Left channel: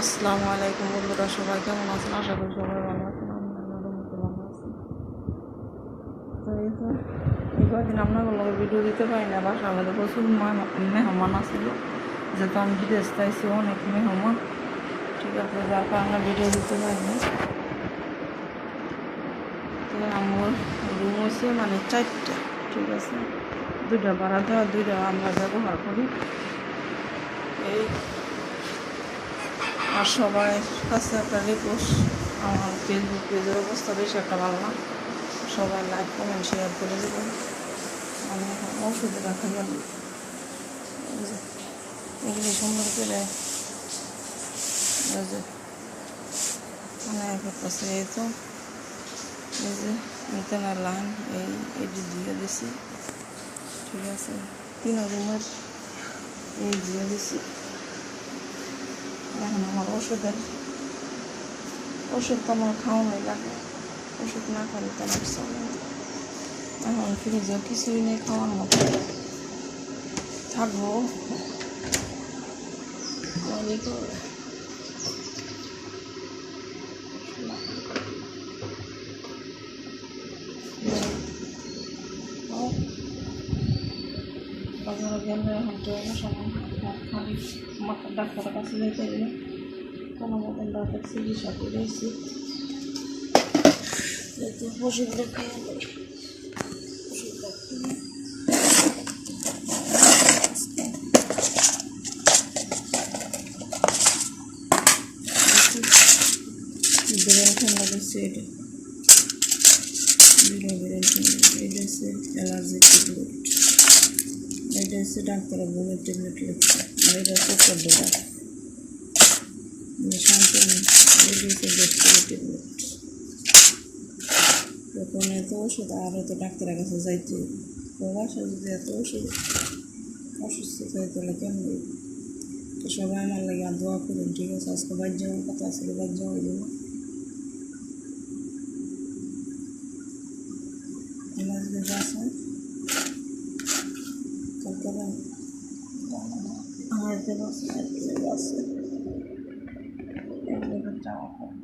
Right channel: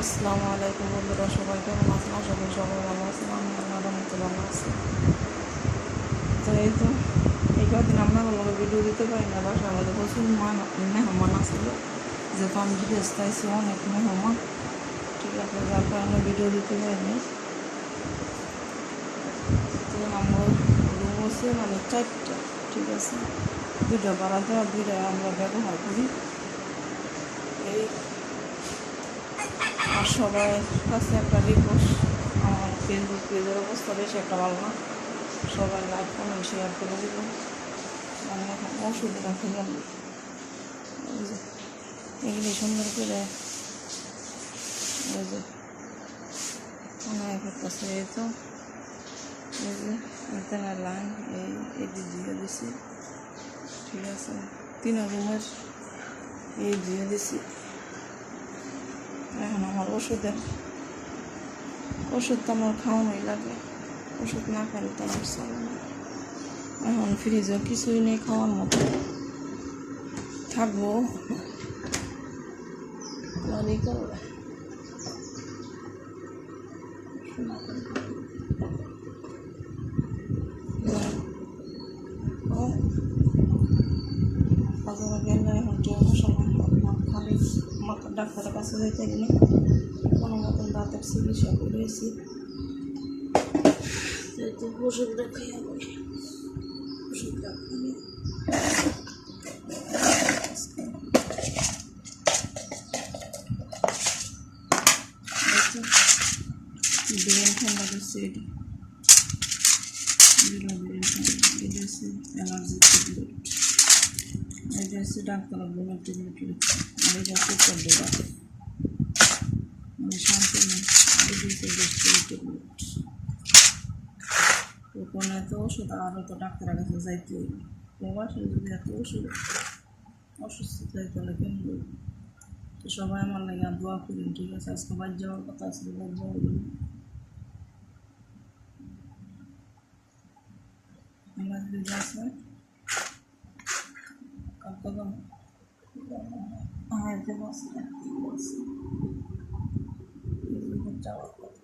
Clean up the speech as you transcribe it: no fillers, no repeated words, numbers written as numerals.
আসসালামু আলাইকুম বন্ধুরা, সবাই কেমন আছেন? আশা করি সবাই ভালো আছেন। আমি আল্লাহর রহমতে ভালো আছি। তো এই কদিন আপনাগুলোকে ভিডিও দিতে পারি না, বাসার আমাদের প্রচুর মেহমান আসছিল, যেহেতু আমি বিদেশ চাইছি অনেক মেহমান, ঠিক আছে, যার কারণে ভিডিও দিতে পারি না। তো আমার রুম হচ্ছে মানে 4টা, ঠিক আছে, 2টা ভাড়া দেওয়া, 2টা আমরা ব্যবহার করি। এই আর সবার কাছে একটা রিকোয়েস্ট, আমার ফেসবুক পেজের অবস্থা বেশি একটা ভালো না, সবাই লাইক কমেন্ট শেয়ার করে দেবেন। আমি এখন ওষুধে রাখা গেল, এগুলো সুন্দর করে অনেক কাছে। এই তো এই যে এখানে লাইন এইটি দিয়ে দিছি, ঠিক আছে, 3 রুমের এই দিয়ে দিছি। এখন আমার ওষুধ তো আমার খাওয়ানোই লাগে, ওষুধ না খাওয়ালে তো আমার চলে না। এখন ফ্রিজে কিছুই নেই খাওয়ার মতো, থাকবো বাজারে গেলে এখন ট্রেনের সময় আপনার খালি মাথা ডাক্তারের কাছে যেতে গেলে কোনো মতন দাঁতের চিকিৎসা করেছি, যেহেতু ওষুধটা খেয়ে ওষুধটা খেয়ে ব্রেন ঠান্ডা করছে। এটা ব্রেন ঠান্ডা, এটা হচ্ছে অ্যালার্জির ট্যাবলেট, এটা হচ্ছে ডাক্তার ঘুমের ট্যাবলেট লিখছে, আর এটা হচ্ছে 14 টাকা মানে শান্তি নেই। এটা হচ্ছে গ্যাস্ট্রিকের ট্যাবলেট। তখন এত ওষুধ, আরও তো ডাক্তারের কাছে যাইতে প্রবাসে যদি এত ওষুধ অসুস্থ থাকে তাহলে কেমন? তো সবাই আমার লাগে আর দোয়া করেন, ঠিক আছে। আজকে বাইর যাওয়ার কথা আসলে বাইর যাওয়া হইল না, এমার্জেন্সি আছে কালকে আমার আছে যাওয়ার কথা।